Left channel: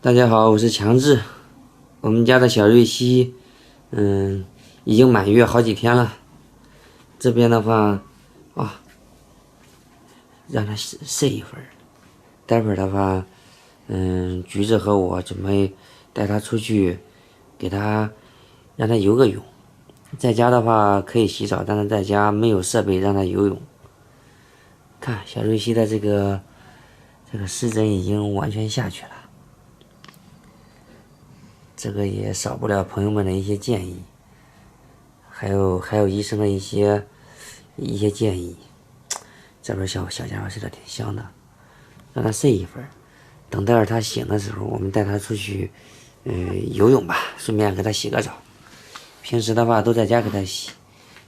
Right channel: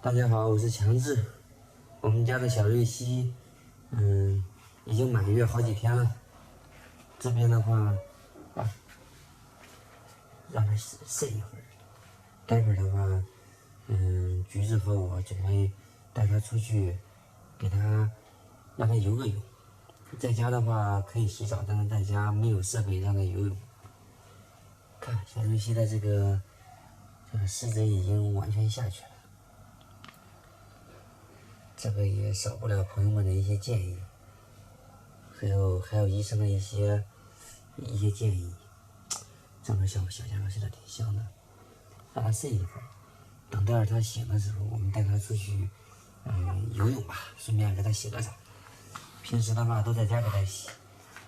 大家好，我是强志。我们家的小瑞希，已经满月好几天了。这边的话，让他睡一会儿。待会儿的话，橘子和我准备带他出去，让他游个泳。在家的话可以洗澡，但是在家没有设备让他游泳。看小瑞希的这个湿疹已经完全下去了。这个也少不了朋友们的一些建议，还有医生的一些建议。这边小家伙睡得挺香的，让他睡一会儿，等待会儿他醒的时候，我们带他出去，游泳吧，顺便给他洗个澡。平时的话都在家给他洗，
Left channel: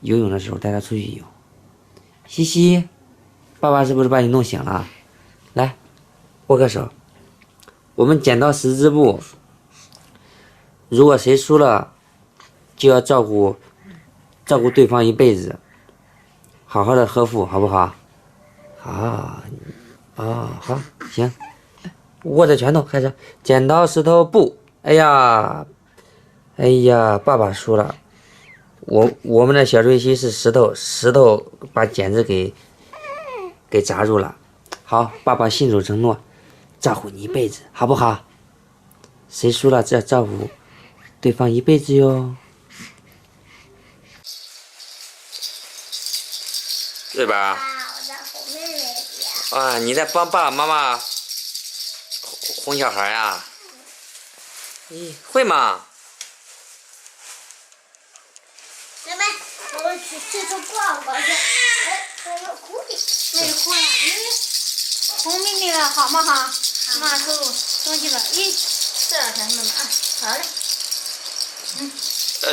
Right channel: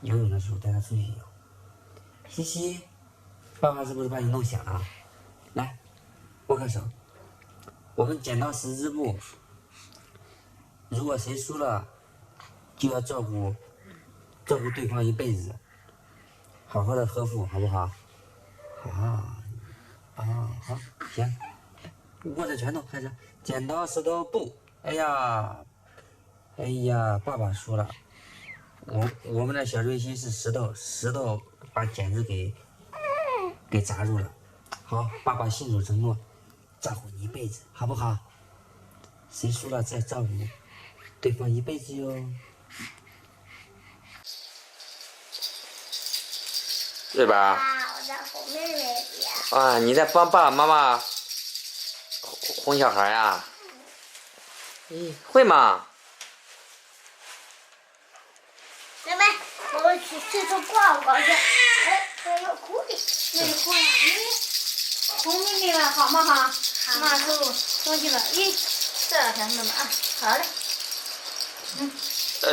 游泳的时候带他出去游。西西，爸爸是不是把你弄醒了？来，握个手。我们剪刀石之布。如果谁输了，就要照顾对方一辈子，好好的呵护，好不好？好，好，行，握着拳头开始，剪刀石头布。哎呀，爸爸输了。我们的小瑞希是石头把剪子给砸住了。好，爸爸信守承诺，照顾你一辈子，好不好？谁输了，这照顾对方一辈子哟，对吧？我在哄妹妹呀。啊，你在帮爸爸妈妈哄小孩呀？咦，会吗？妹妹，我们去四处逛逛去。哎，有狐狸。那就哭了，哄妹妹了，好吗？哈，妈手生气了，这两天妹妹啊，好嘞。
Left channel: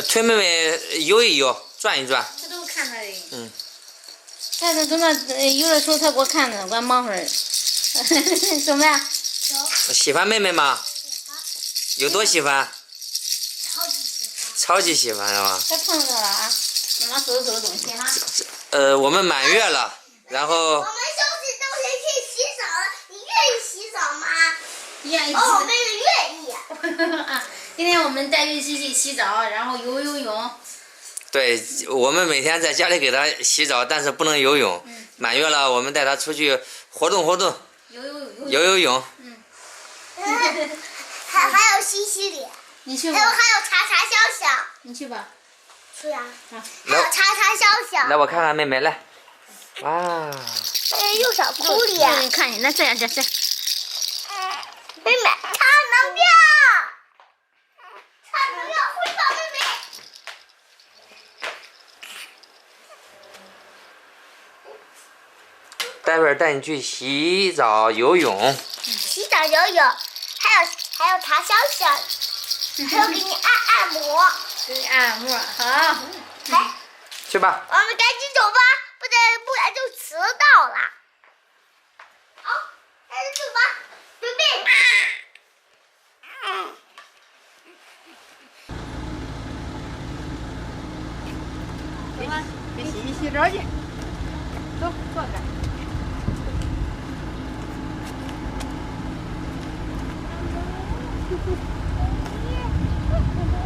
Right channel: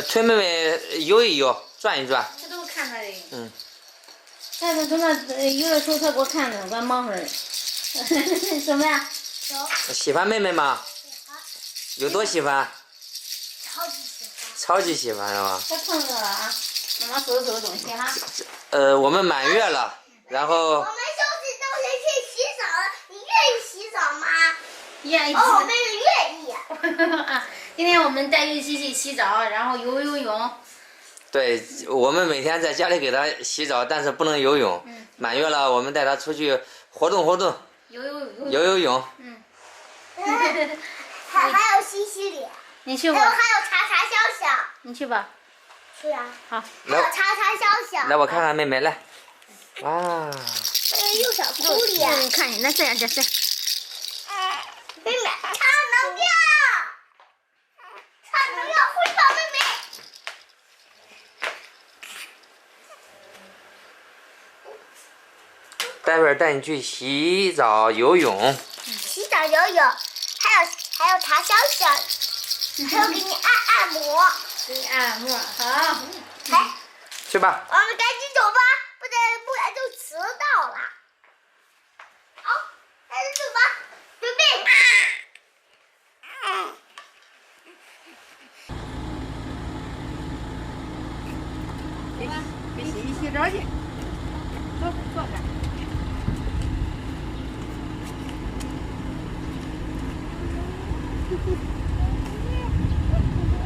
推妹妹游一游，转一转。这都看他的。他在那有的时候他给我看着，我忙会儿。什么呀？喜欢妹妹吗？喜欢。有多喜欢？超级喜欢。超级喜欢是吧？他碰着了啊！妈妈收拾收拾东西哈。我们满月了，然后。我们收拾东西去洗澡了，你愿意洗澡吗？愿意。哦，妹妹愿意。今天我们带瑞希去洗澡，然后游泳。对，我们每天在家里给他洗澡，但是不能游泳。满月了，我们带他出去活动活动，游泳。还有洗洗脸。你去吧。还有查查笑笑。你去吧。去啊。好。还有查查笑笑。来，我看看妹妹来。哇。又小狐狸。你看你那这样这是。妹妹，超能量。超能量回报妹妹。待会儿带你去洗澡游泳。洗澡游泳，还有查笑笑，还有给你按摩。给你按摩，好。来，去吧。我们赶紧走吧，不然就迟到了。好，赶紧走吧，准备。给洗洗澡去。走，坐这。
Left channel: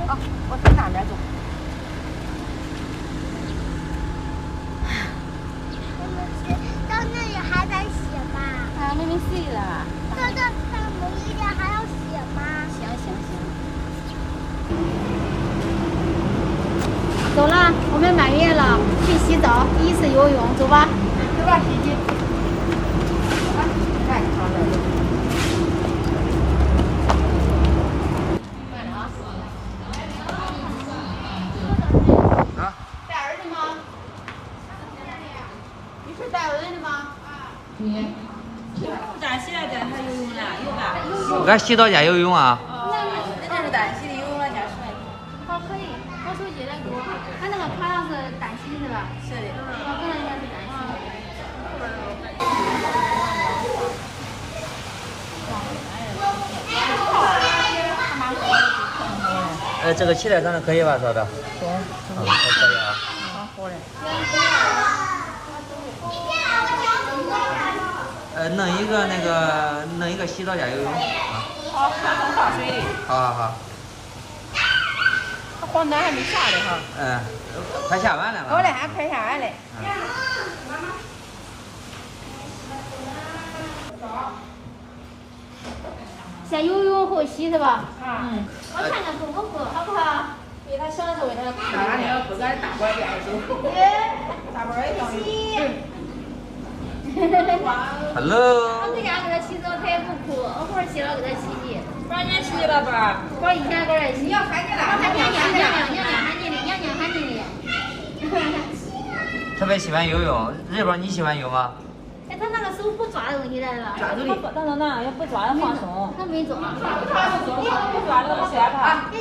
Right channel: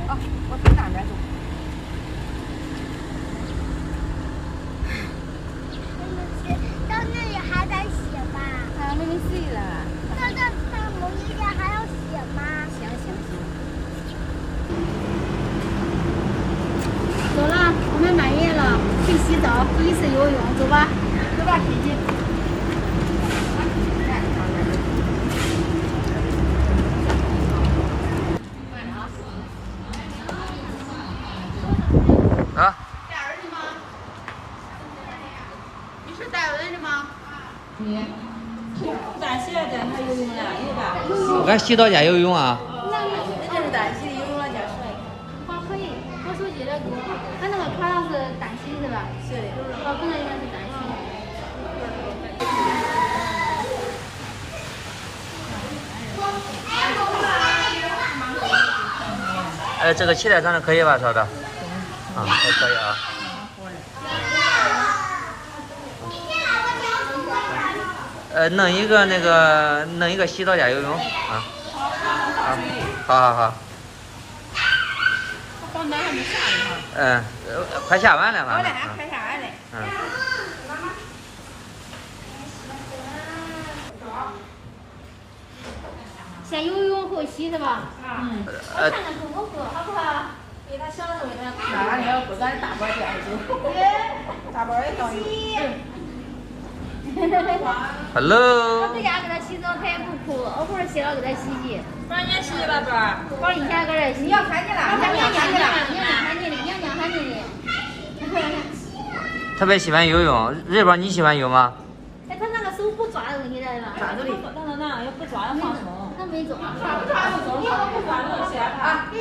好，我从那边走。到那里还得洗吗？啊，妹妹睡了。到某一点还要洗吗？行。走了，我们满月了，去洗澡，第一次游泳，走吧，洗洗。啊。带儿子吗？你是带儿子吗？你咱洗了咱他游泳了，有吧？俺洗澡间游泳啊。那是单洗的，游泳了加出来的。好，可以。我手机来给我，他那个卡上是单洗是吧？是的。我可能应该是单洗。这个气垫上的可以吧，嫂子？行。还可以啊。好嘞。弄一个弄一个洗澡加游泳啊。好，好。黄暖还没下来哈。快下完了嘛。好嘞，还快下完嘞。先游泳后洗是吧？我看看够不够，好不好？给他小的时候给他。那你要不敢大包点就。大包也当一。Hello。我在家给他洗澡，他也不哭，偶尔洗了给他洗洗。把人洗了吧？我以前给人洗。娘喊你了。我看娘喊你的，娘喊你的。特别喜欢游泳，日宝你喜欢游吗？哎，他那个手不抓东西来了。抓住的。但是那要不抓要放松。他没抓。不抓就吓他。行，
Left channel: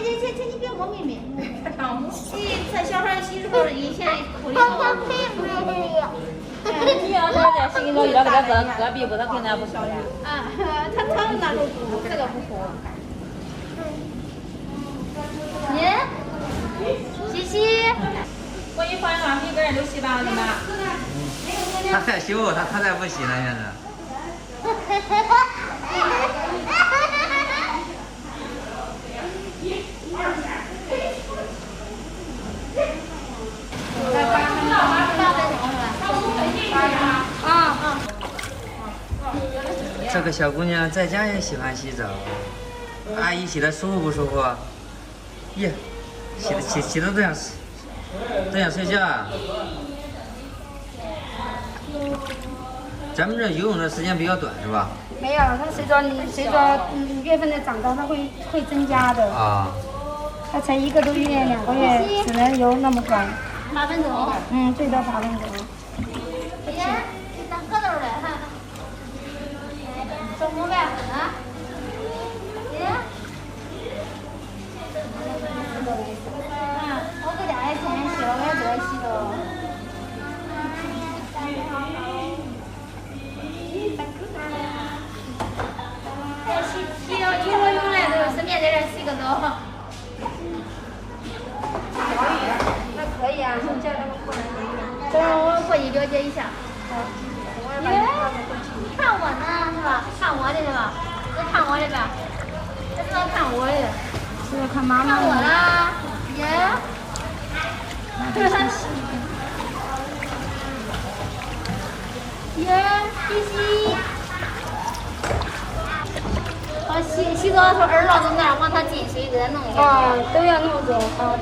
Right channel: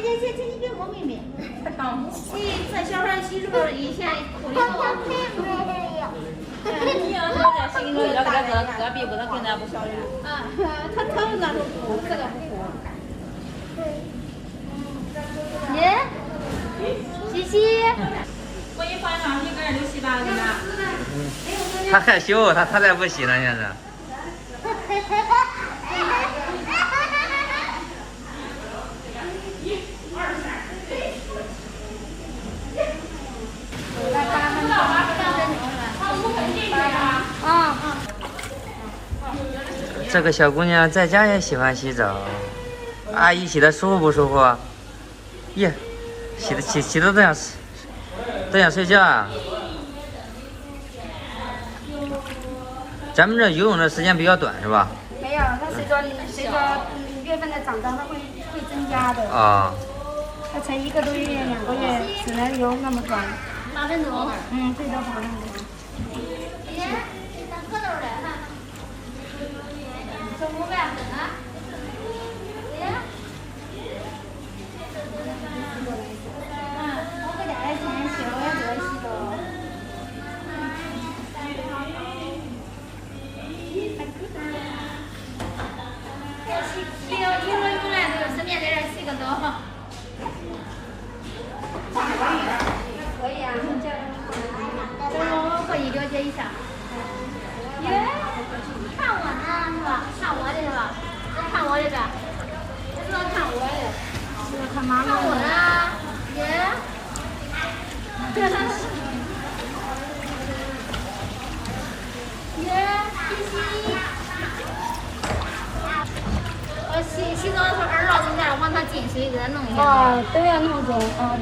你别摸妹妹。这小孩洗时候以前哭的时候。你要是在心里要给他遮蔽，不能跟咱不小呀。啊，他疼那都哭，这个不哭。耶，洗洗。我一换上洗，个人都洗完了呢。他害羞，他才不洗呢，现在。这个小姑娘在家也喜欢洗澡，阿姨洗的舒服不舒服？耶，洗的都想睡觉啊。咱们这游泳的时间比较短是吧？没有，它随着月份的长高，它会增加的。啊。它才1个多月、2个月，只能游那么短。8分钟。最多8分钟。爷，当蝌蚪了哈。中午饭啊？爷。我搁家也天天洗了，我也多洗了。洗了泳来都顺便在这洗个澡。还可以啊。我回去了解一下。耶，你看我呢是吧？看我的是吧？都看我这边，这主要看我的。这个看妈妈看我呢，耶。耶，洗。洗澡的时候耳朵在那往他进水给他弄一下。都要弄准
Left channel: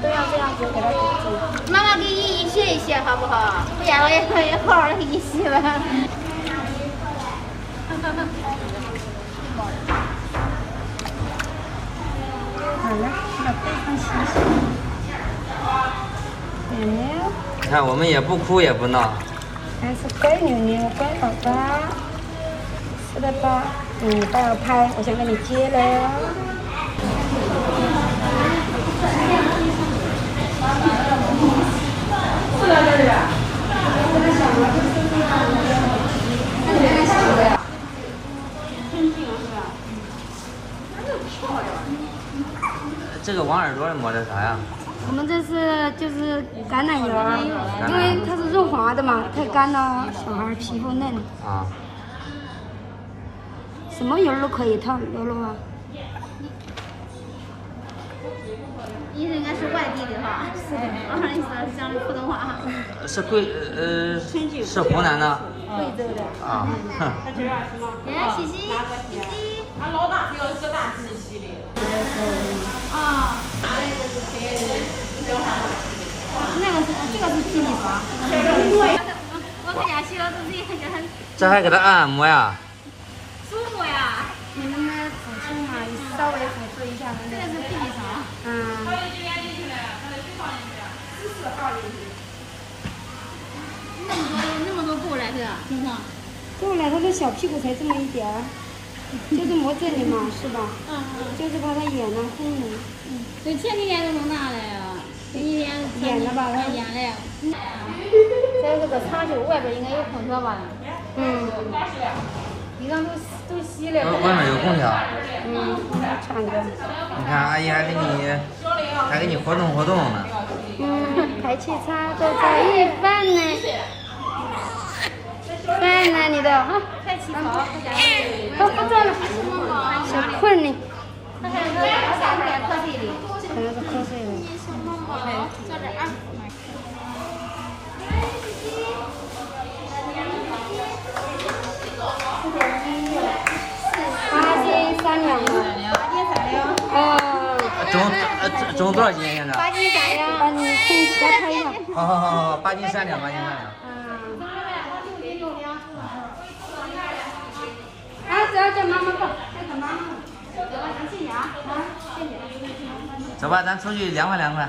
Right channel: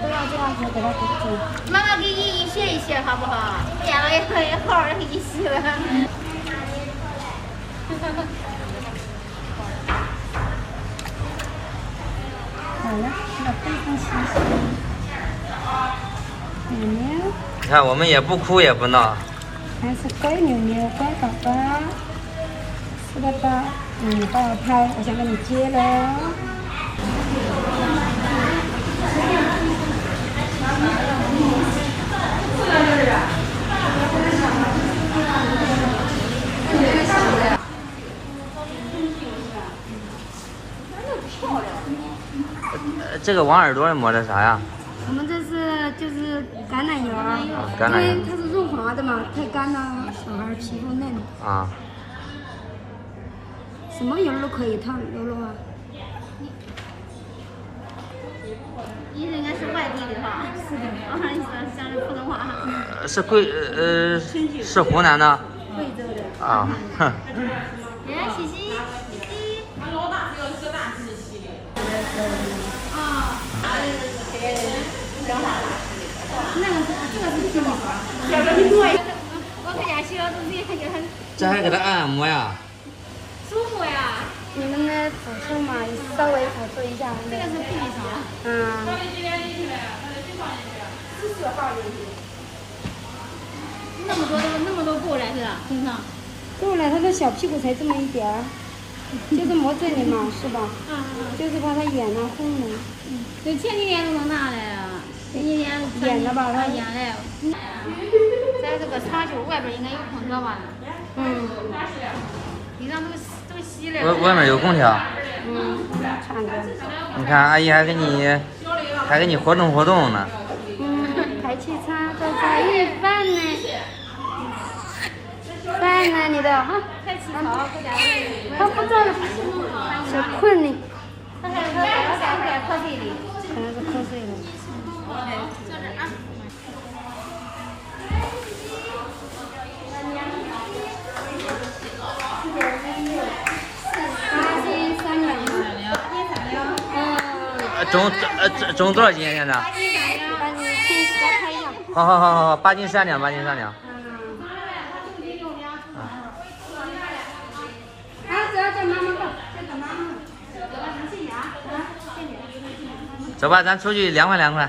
都要这样子给他堵住。妈妈给你一学一学好不好？见了也好好的给你洗吧。好了，把背上洗。牛牛。你看我们也不哭也不闹。还是乖牛牛，乖宝宝。是的吧？帮我拍，我想给你接了。这个往耳朵里抹的啥呀？我们这是就是橄榄油，因为它是润滑的嘛，太干了小孩皮肤嫩。啊。什么油都可以烫，柔柔啊。你应该是外地的哈？是的。你说讲的普通话哈？是湖南的。贵州的。啊。哼。来，洗洗。俺老大只要一个大自己洗的。啊。那个这个是皮皮刷。我在家洗了自己就很。这还给他按摩呀？舒服呀。你能不能辅助嘛？稍微辅助一下。这个是皮皮刷。那么多够了是吧？平常。够了，他的小屁股才这么一点儿，就是磨这里嘛，是吧？就是怕他眼呢红呢。这前几天都能拿来啊，前几天演了吧？他演了。在这个茶酒外边应该有空调吧？地上都洗了。外面有空调。敞着。你看阿姨还给你活动活动呢。排气插都在一半呢。来男的哈，快起床，快点。他不做了，小困呢，他还说要点瞌睡的。可能是瞌睡了。83两吗？重多少斤现在？ 8斤3两，把你再看一下。好，8斤3两，8斤3两。只要叫妈妈抱，叫妈妈。谢谢啊，谢谢。走吧，咱出去凉快凉快。